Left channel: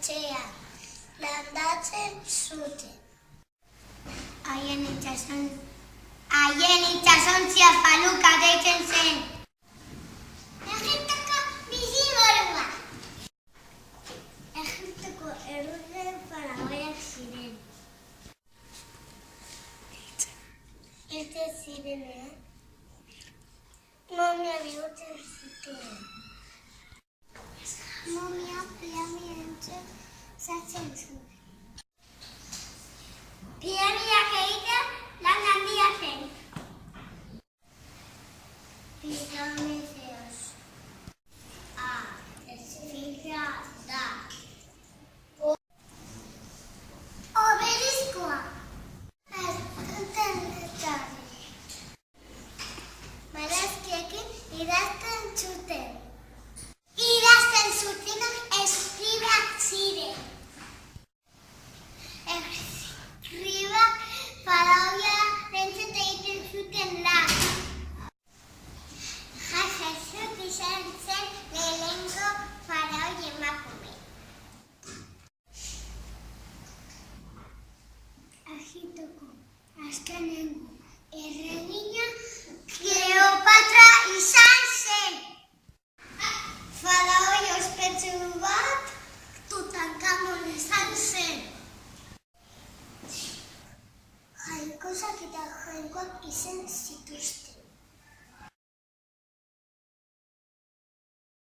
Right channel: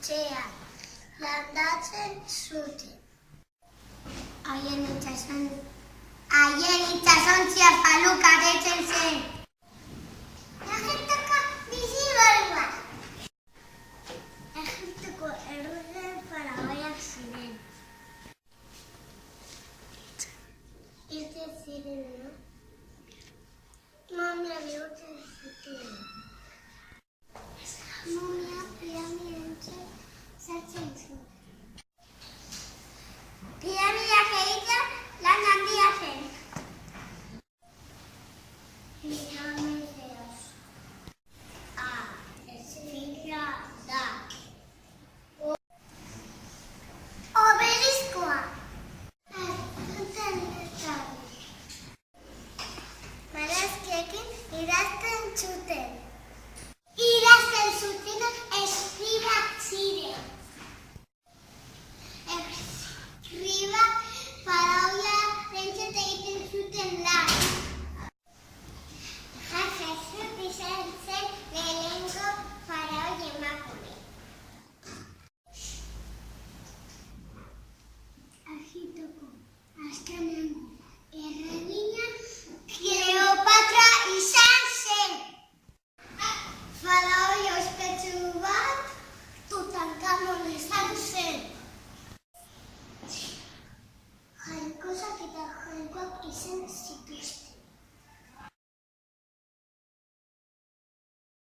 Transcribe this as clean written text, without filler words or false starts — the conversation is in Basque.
etxean landatzen zuten. Haien itsasontzia Faluka deitzen zen. Egiptoko bizimodua. Egiptoko errudun faraoiak ziren. Hiltzen zirenean, momia bihurtzen zuten. Momia piramideentzat sartzen zuen. Piramideak egitea lan handia zen. Piramideos. Esfinxea da. Obeliskoa. Barazkiekin idazten zuten. Idazten zutenak eskribak ziren. Eskribak faraoiarentzat egiten zuten lan. Hatshepsut izan zen lehenengo faraoi emakume. Egiptoko azkenengo erregina Kleopatra izan zen. Faraoi ospetsu bat Tutankamon izan zen. Jainkosak eta jainkoak izan zituzten.